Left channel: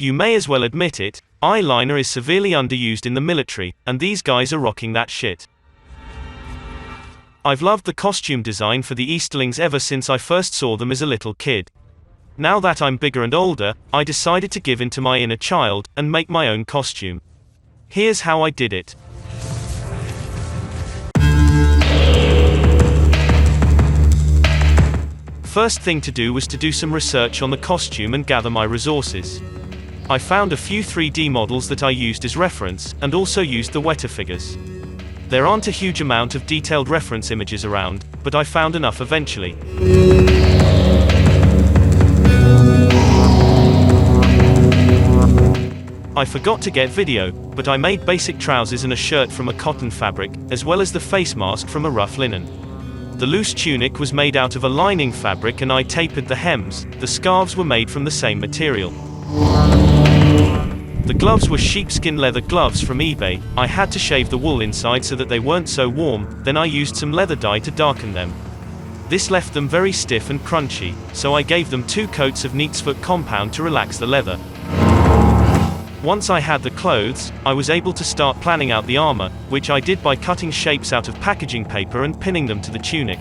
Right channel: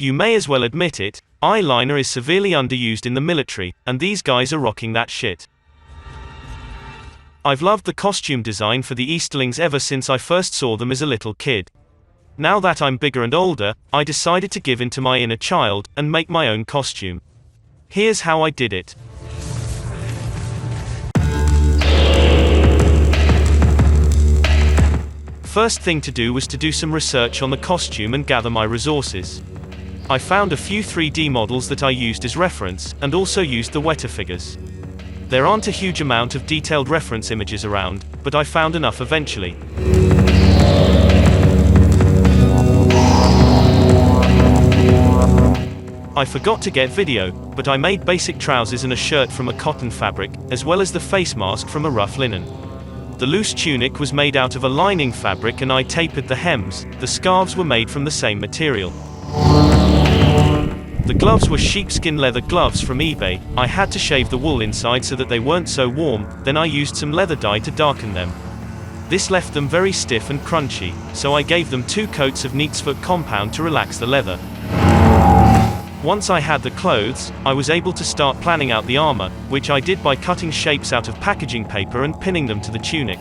You may as well admit it, eyeliner is severely underused in the military, and these guys are rocking that shit. I've loved the costume design for the Easterlings ever since I first saw them as a little kid. Now that I'm bigger and older, I decided to give in to my inner child, and make my own costume. Here's how I did it. First thing to do was to do some research on the costume and gather my resources. I found a few 3D models that I used as reference, and also used the Weta figures. There aren't a huge amount of detailed reference images around, but I found enough eventually. I forgot to get video, but I made basic trousers and a shirt from a cotton fabric, as well as the face mask from a rough linen. The loose tunic was made out of a lining fabric and I tapered the hems. The scarves were made from the same material. The gloves were sheepskin leather gloves from eBay. I had to shave the wool inside so that they weren't so warm, then I used some leather dye to darken them. This left them very stiff and crunchy, so I gave them 2 coats of Neatsfoot compound to relax the leather. Once I had the clothes, I was able to start planning out the armor, which I did by cutting shapes out of packaging paper and pinning them to the tunic.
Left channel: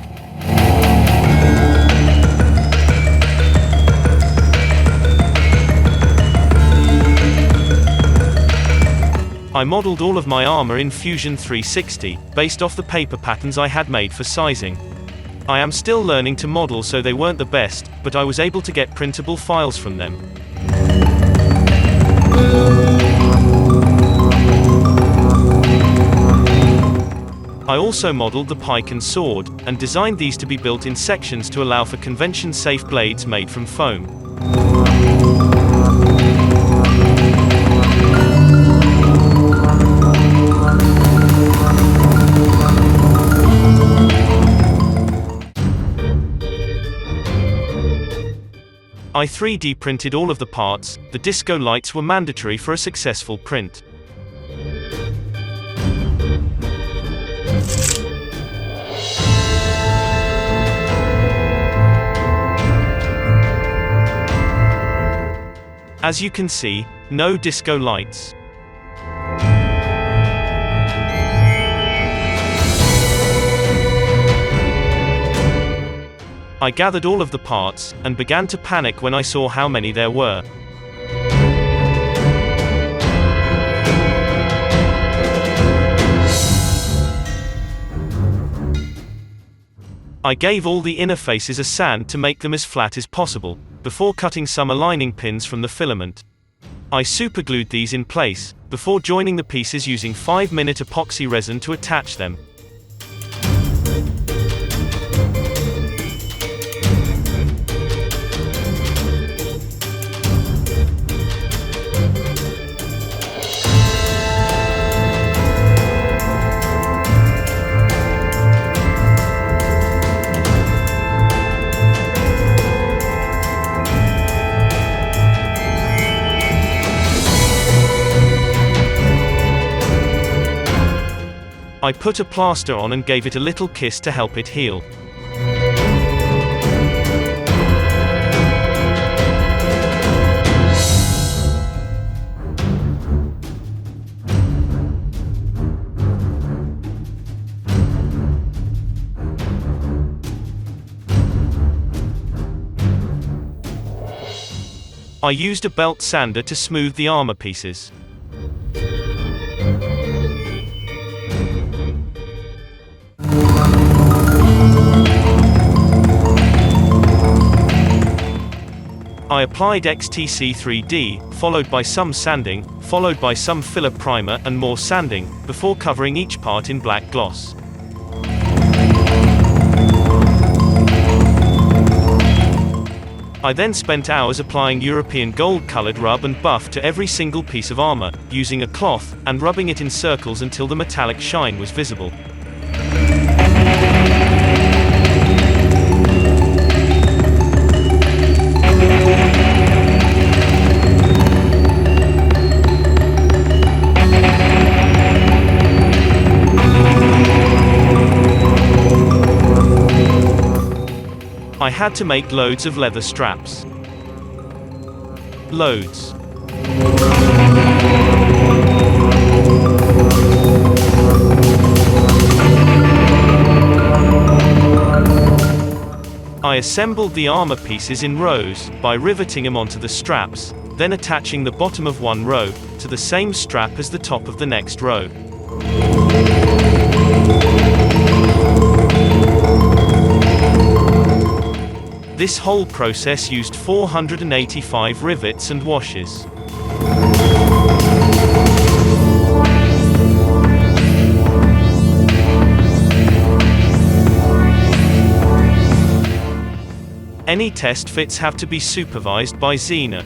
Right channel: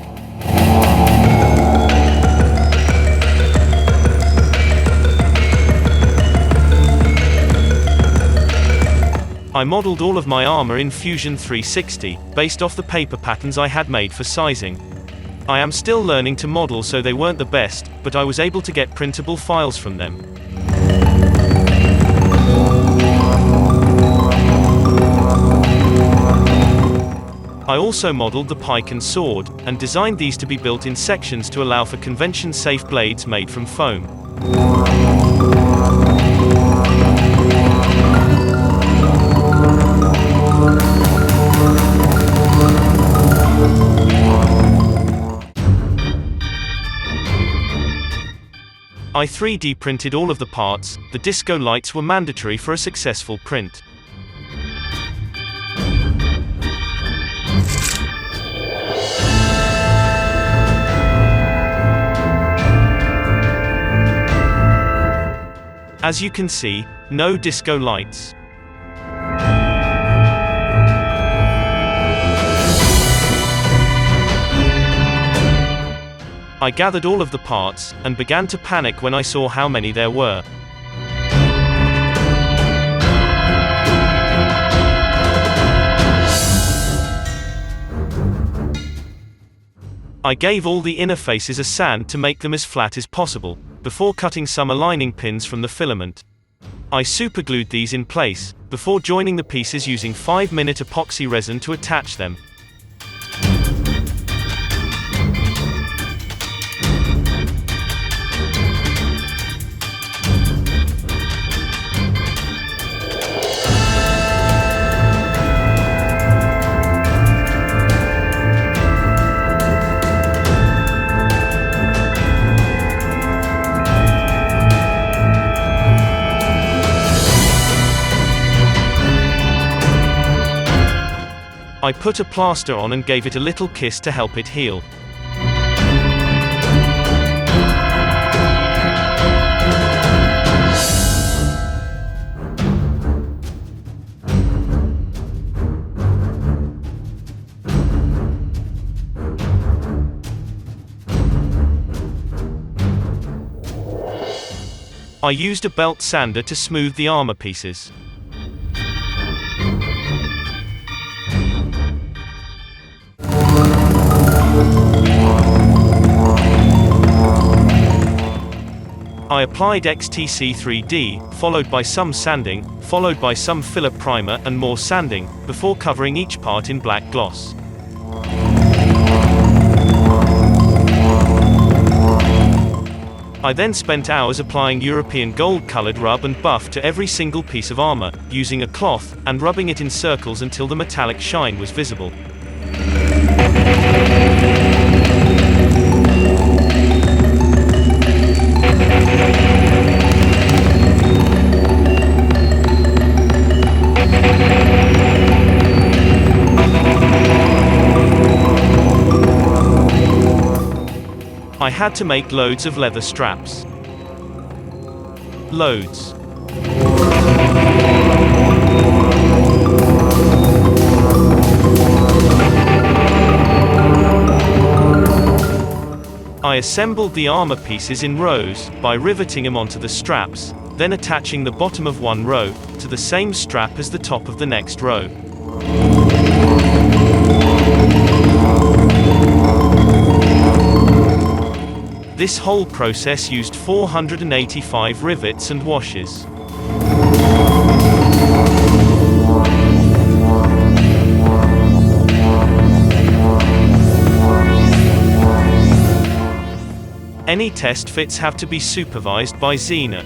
I modeled all of my armor in Fusion 360, based off the paper patterns I had made for sizing. I am still learning to model, so they weren't the best, but I was able to get printable files from them. I also modeled the pike and sword, and designed these to be built in sections to allow for convention-safe blades made from foam. I 3D printed all of the parts. The disco lights were mandatory for a successful print. As you can see, no disco lights. I gathered all of the parts, and began to panic when I saw how many there were. I gave all the inner faces a sand to make them as flat as possible, before cutting some aligning pins from the filament. I superglued these in place, before joining the pieces using 5-minute epoxy resin to attach them. I put a plaster on and gave it a little kiss to help it heal. I used a belt sander to smooth the armor pieces. I applied XTC 3D, followed by some sanding, followed by some filler primer and more sanding, before covering each part in black gloss. I then spent hours applying European gold-colored rub and buff to every single piece of armor, using a cloth, and rubbing it in circles until the metallic shine was visible. I had to make loads of leather straps. Loads. I assembled the armor pieces in rows, by riveting them onto the straps, then attaching the bottom of one row, to the same strap as the top of the next row. This whole process used 485 rivets and washes. Any test fits have to be supervised by Xeno.